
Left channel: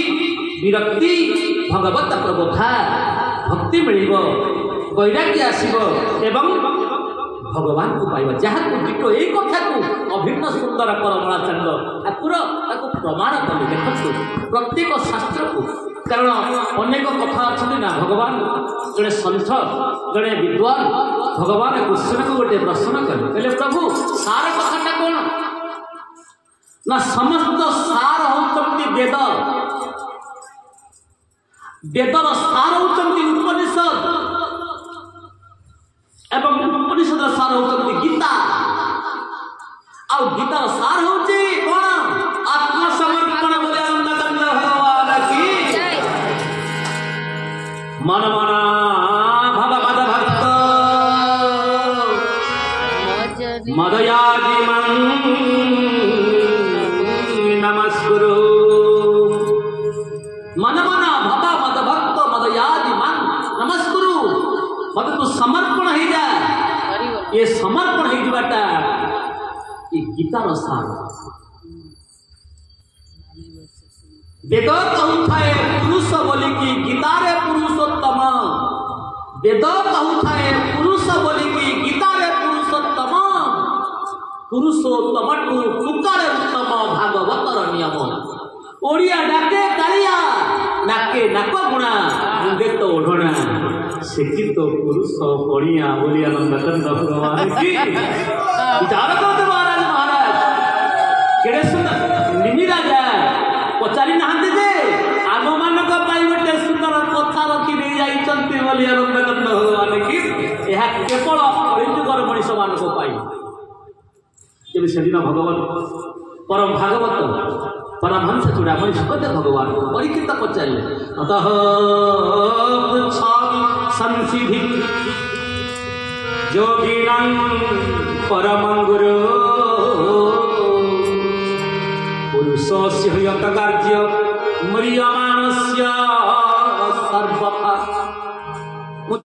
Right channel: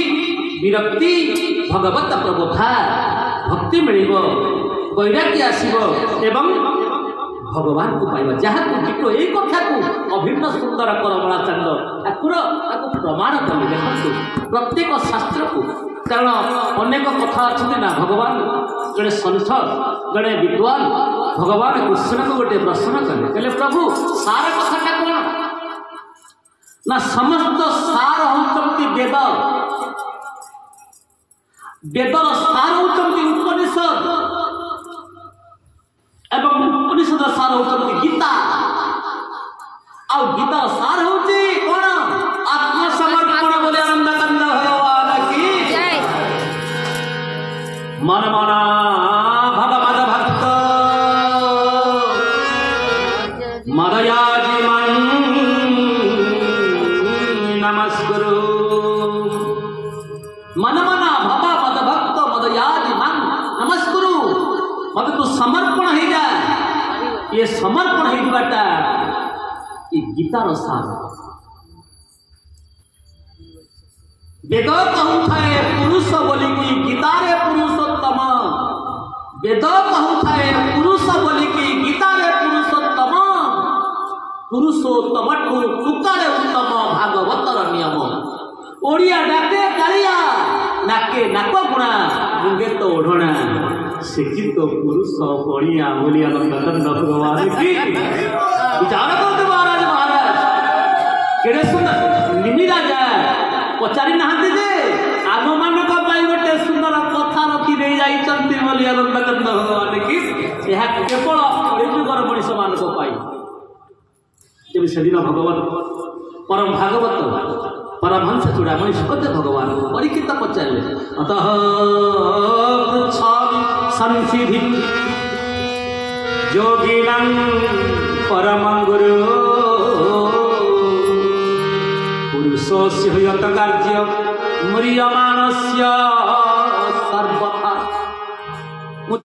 विरक्ति भगवत प्रबोधा भक्ति मिल वैराग्य आसब एवं भगवान को पाइबा जहाँ को यही कथा को अभिन्न सुंदर करमला चंद ठाकुर ताको प्रमाण कले देखु प्रत्येक शास्त्र को कारण अनेक कथा अच्छे ना भगवान जड़े संत जड़े विद्वान भगवान कृष्ण को गोटे प्रश्न कले कहले प्रभु सार कथाटा कौन ना समस्त सार होती वेद वेदर सार होती उपनिषद एवं उपनिषद सार होती गीता आउ गीतार सार होती कौन आत्मसमर्पण बोले आनंदानंद भगवान की मन मना भव मद भक्त मदयाजी मन नमस्कुरु मन मना भव मद भक्त मदयाजी मन नमस्कुरु मत तू समर्पण हो जाए ये समर्पण हो जाता ये गीतार सार वेद कहूए पुरुष बोलिकी गीतारे पुरुषोत्तम वेद कहूए पुरुष बोलिकी गीतारे पुरुषोत्तम पुरुषोत्तम टुकारे उत्तम भागवतर नियम ओडिया डाके कालिया नाके नाक गुणा मुंगे तो ओढ़ना सेकी तो पुरुष बढ़िया बोली आनंद भगवान की विचार करते महाराज केड़े सुंदर निमि राजा पचारि नहांती जे आम मानक गोटे सुंदर कथा रखी दे जाइछन्ति बोली आनंदानंद भगवान की यह केवल कलिजुगर मनीष मान जब से दिन भगवान परम भागवत परमहंस चूड़ामणि सुपद्य भगवान परीक्षित पचारे अतः संसिधि योगिनां परमं गुरु पुरुषस्य यत कार्य म्रियमाणस्य